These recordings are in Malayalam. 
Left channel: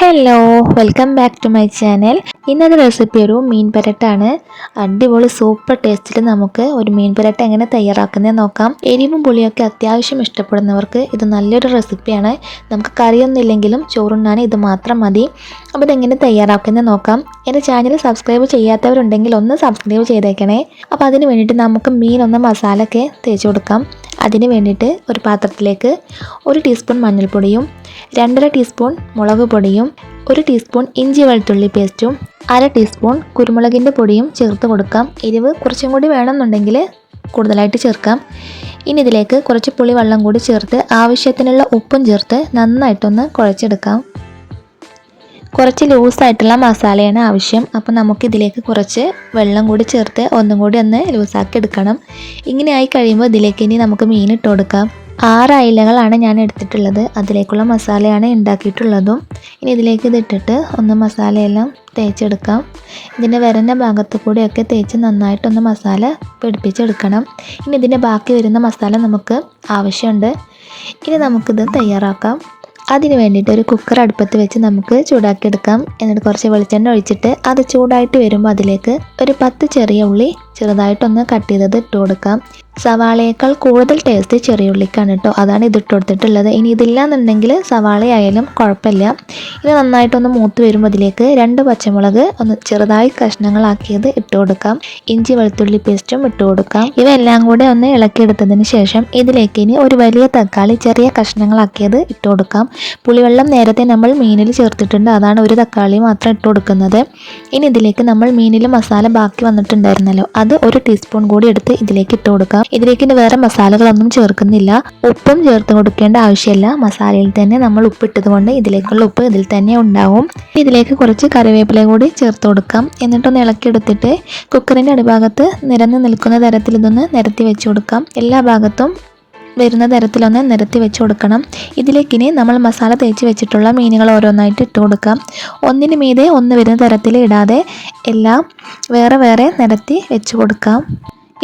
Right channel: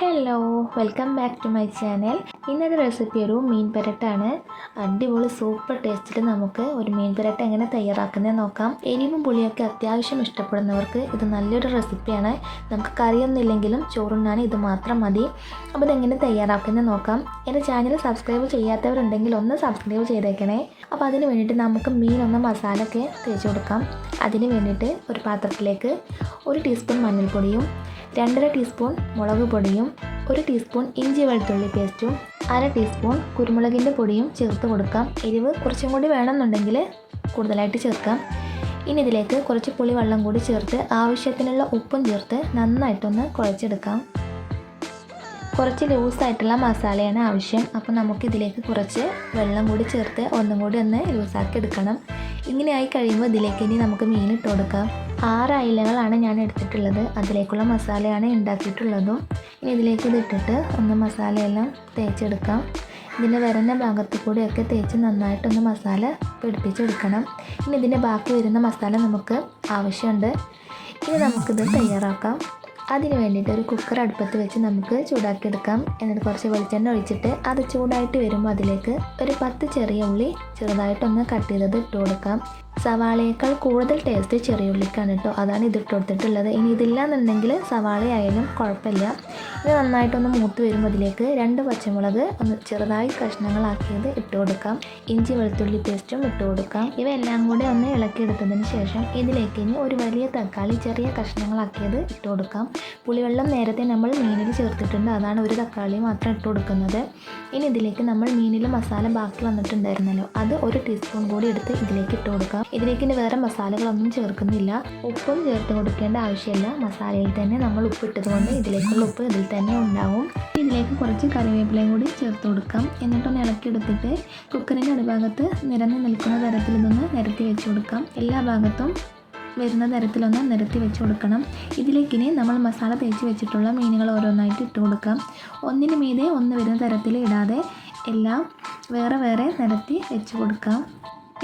Hello welcome back to my channel ഇന്നത്തെ റെസിപ്പി ഒരു മീൻ പരട്ടാണ്. അടിപൊളി സൂപ്പർ ടേസ്റ്റിൽ നമുക്ക് ഒരു മീൻ പരട്ട എങ്ങനെ തയ്യാറാക്കുന്നത് നോക്കാം. എരിവും പുളിയൊക്കെ അത്യാവശ്യം ഇഷ്ടപ്പെടുന്നവർക്ക് ഇത് നല്ലൊരു റെസിപ്പിയാണ് നമുക്ക് കറിയൊന്നും ഇല്ലെങ്കിലും ചോറുണ്ണാൻ ഇത് മാത്രം മതി. അപ്പോൾ ഇതെങ്ങനെ തയ്യാറാക്കുന്നത് നോക്കാം. എന്റെ ചാനൽ സബ്സ്ക്രൈബ് ചെയ്യാത്തവരുണ്ടെങ്കിൽ ഒന്ന് സബ്സ്ക്രൈബ് ചെയ്തേക്കണേ. അപ്പോൾ അതിന് വേണ്ടിയിട്ട് നമുക്ക് മീൻ ഒന്ന് മസാല ഒക്കെ തേച്ച് കൊടുക്കാം. അതിന് വേണ്ടിയിട്ട് ഒരു പാത്രത്തിലേക്ക് ഒരു ടീസ്പൂൺ മഞ്ഞൾപ്പൊടിയും രണ്ടര ടീസ്പൂൺ മുളക് പൊടിയും ഒരു ടീസ്പൂൺ ഇഞ്ചി വെളുത്തുള്ളി പേസ്റ്റും അര ടീസ്പൂൺ കുരുമുളകിന്റെ പൊടിയും ചേർത്ത് കൊടുക്കാം. എരിവ് കുറച്ചും കൂടി വേണമെന്നുണ്ടെങ്കിൽ കൂടുതലായിട്ട് ചേർക്കാം. ഇനി ഇതിലേക്ക് കുറച്ച് പുളിവെള്ളം കൂടി ചേർത്ത് ആവശ്യത്തിനുള്ള ഉപ്പും ചേർത്ത് നന്നായിട്ടൊന്ന് കുഴച്ചെടുക്കാം. കുറച്ച് ലൂസായിട്ടുള്ള മസാലയാണ് ആവശ്യം. അപ്പോൾ നമുക്കിതിലേക്ക് കുറച്ച് വെള്ളം കൂടി ചേർത്ത് ഒന്നും കൂടി ഒന്ന് ലൂസാക്കി എടുക്കണം. ഇങ്ങനെ ആയി കഴിയുമ്പോൾ ഇതിലേക്ക് ഇനി നമുക്ക് മീൻ ഇട്ട് കൊടുക്കാം. ആറ് അയിലകളാണ് ഞാൻ എടുത്തിട്ടുള്ളത്. അതിലേക്കുള്ള മസാലയാണ് ഉണ്ടാക്കിയിട്ടുള്ളതും. ഇനി ഇതിലേക്ക് ഇതിട്ടിട്ട് ഒന്ന് മസാലയെല്ലാം തേച്ചെടുക്കാം. ഇതിന്റെ വരുന്ന ഭാഗത്ത് കൂടെയൊക്കെ തേച്ച് നന്നായിട്ടൊന്ന് മസാല പിടിപ്പിച്ചെടുക്കണം. ഇനി ഇതിന്റെ ബാക്കി വരുന്ന മസാല നമുക്ക് ആവശ്യമുണ്ട്. ഇനി നമുക്കിത് തയ്യാറാക്കാം. അതിന് വേണ്ടിയിട്ട് ഒരു കുക്കർ അടുപ്പത്ത് വെച്ച് നമുക്ക് ചൂടാക്കിയെടുക്കാം. എന്നിട്ട് കുറച്ച് വെളിച്ചെണ്ണ ഒഴിച്ചിട്ട് അത് ചൂടായിട്ട് വരുമ്പോൾ അതിലേക്ക് ഒരു പത്ത് ചെറിയ ഉള്ളി ചെറുതായിട്ടൊന്ന് കട്ട് ചെയ്തത് ഇട്ട് കൊടുക്കാം. സവാളയേക്കാൾ കൂടുതൽ ടേസ്റ്റ് ചെറിയ ഉള്ളിക്കാണ് കേട്ടോ അതാണ് ഇതിട്ട് കൊടുത്തിട്ടുള്ളത്. ഇനി ഇതില്ലാന്നുണ്ടെങ്കിൽ സവാളയായാലും കുഴപ്പമില്ല. ഇത് നന്നായിട്ടൊന്ന് മൂത്ത് വരുമ്പോൾ അതിലേക്ക് രണ്ട് പച്ചമുളക് ഒന്ന് ചെറുതായി കഷ്ണങ്ങളാക്കിയത് ഇട്ട് കൊടുക്കാം. ഇഞ്ചി വെളുത്തുള്ളി പേസ്റ്റും ഇട്ട് കൊടുക്കാം. ഇവയെല്ലാം കൂടെ ഒന്ന് ഇളക്കിയെടുത്തതിന് ശേഷം ഇതിലേക്ക് ഇനി ഒരു വലിയ തക്കാളി ചെറിയ കഷ്ണങ്ങളാക്കിയത് ഇട്ട് കൊടുക്കാം. പുളിവെള്ളം നേരത്തെ നമ്മൾ മീനിൽ ചേർത്തിട്ടുണ്ട്. അതാണ് ഒരു തക്കാളി മാത്രം ഇട്ട് കൊടുക്കുന്നത്. ഇനി ഇതിലേക്ക് നമ്മൾ മീനിൽ മസാല ബാക്കി വന്നിട്ടുണ്ടായിരുന്നല്ലോ. അത് ഒരു ടീസ്പൂൺ കൂടി എടുത്ത് ഇതിലേക്ക് ഇട്ട് കൊടുക്കാം. ഇതിലേക്ക് ഇനി വേറെ മസാലകളൊന്നും ചേർക്കുന്നില്ല. ഉപ്പും ചേർത്ത് കൊടുക്കേണ്ട ആവശ്യമില്ല. മസാലയിൽ തന്നെ നമ്മൾ ഉപ്പിട്ടത് കൊണ്ട് ഇതിലേക്കുള്ള ഉപ്പ് ഇതിൽ തന്നെ ഉണ്ടാവും. ഇതിലേക്ക് കുറച്ച് കറിവേപ്പില കൂടി ചേർത്ത് കൊടുക്കാം. എന്നിട്ടൊന്ന് ഇളക്കിയെടുത്തിട്ട് കുക്കറിന്റെ അടിഭാഗത്ത് നിരന്ന് നിൽക്കുന്ന തരത്തിൽ ഇതൊന്ന് നിരത്തി വെച്ച് കൊടുക്കാം. എല്ലാ ഭാഗത്തും വരുന്ന തരത്തിലൊന്ന് നിരത്തി വെച്ച് കൊടുക്കണം. ഇതിലേക്കിനി നമ്മൾ മസാല തേച്ച് വെച്ചിട്ടുള്ള മീനുകൾ ഓരോന്നായിട്ട് ഇട്ട് കൊടുക്കാം. ഒന്നിന് മീതെ ഒന്ന് വരുന്ന തരത്തിൽ ഇടാതെ എല്ലാം വേറെ വേറെ നിരത്തി വെച്ച് കൊടുക്കാം.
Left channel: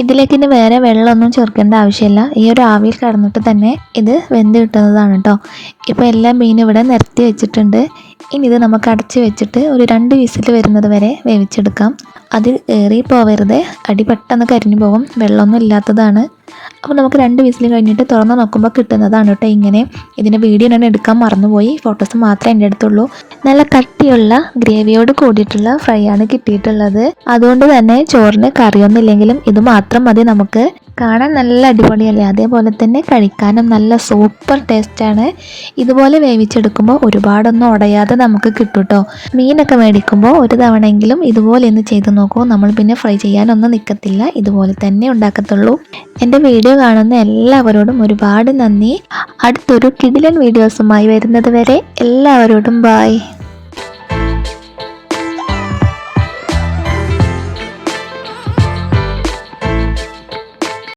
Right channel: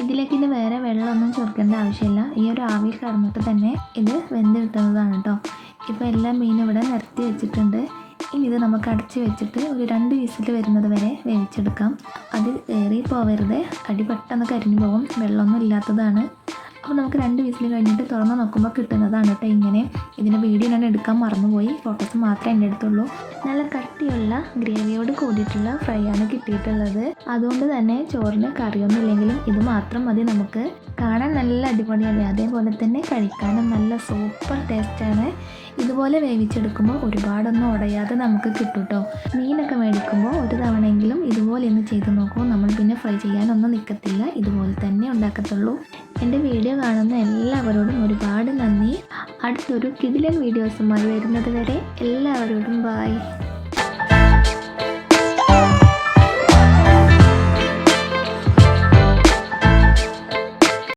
ഇതിലേക്ക് ഇനി വേറെ വെള്ളമൊന്നും ചേർക്കേണ്ട ആവശ്യമില്ല. ഈ ഒരു ആവിയിൽ കടന്നിട്ട് തന്നെ ഇത് വെന്ത് കിട്ടുന്നതാണ് കേട്ടോ. ഇപ്പോൾ എല്ലാ മീനും ഇവിടെ നിരത്തി വെച്ചിട്ടുണ്ട്. ഇനി ഇത് നമുക്ക് അടച്ചു വെച്ചിട്ട് ഒരു രണ്ട് വിസിൽ വരുന്നത് വരെ വേവിച്ചെടുക്കാം. അത് ഏറി പോവരുത്. അടി പെട്ടെന്ന് കരിഞ്ഞു പോകും. വെള്ളമൊന്നും ഇല്ലാത്തതാണ്. അപ്പോൾ നമുക്ക് രണ്ട് വിസിൽ കഴിഞ്ഞിട്ട് തുറന്ന് നോക്കുമ്പോൾ കിട്ടുന്നതാണ് കേട്ടോ ഇങ്ങനെ. ഇതിന്റെ വീഡിയോ ഞാൻ എടുക്കാൻ മറന്നുപോയി. ഫോട്ടോസ് മാത്രമേ എന്റെ അടുത്തുള്ളൂ. നല്ല കട്ടിയുള്ള ഗ്രേവിയോട് കൂടിയിട്ടുള്ള ഫ്രൈ ആണ് കിട്ടിയിട്ടുള്ളത്. അതുകൊണ്ട് തന്നെ ചോറിന് കറിയൊന്നും ഇല്ലെങ്കിലും ഇത് മാത്രം മതി നമുക്ക്. കാണാൻ നല്ല അടിപൊളിയല്ലേ? അതേപോലെ തന്നെ കഴിക്കാനും നല്ല സൂപ്പർ ടേസ്റ്റാണ് ഇതുപോലെ വേവിച്ചെടുക്കുമ്പോൾ ഒരുപാടൊന്നും ഉടയാതെ നമുക്ക് കിട്ടും കേട്ടോ മീനൊക്കെ മേടിക്കുമ്പോൾ ഒരു തവണയെങ്കിലും ഇതുപോലെ ഒന്ന് ചെയ്ത് നോക്കൂ. നമ്മൾ പിന്നെ ഫ്രൈ ചെയ്യാനൊന്നും നിൽക്കത്തില്ല ഇതുപോലെ തന്നെ ഉണ്ടാക്കത്തുള്ളൂ. എന്റെ വീഡിയോ കാണുന്ന എല്ലാവരോടും ഒരുപാട് നന്ദി. അടുത്തൊരു കിടിലൻ വീഡിയോസുമായി വരുന്നത് വരെ എല്ലാവരോടും ബായ്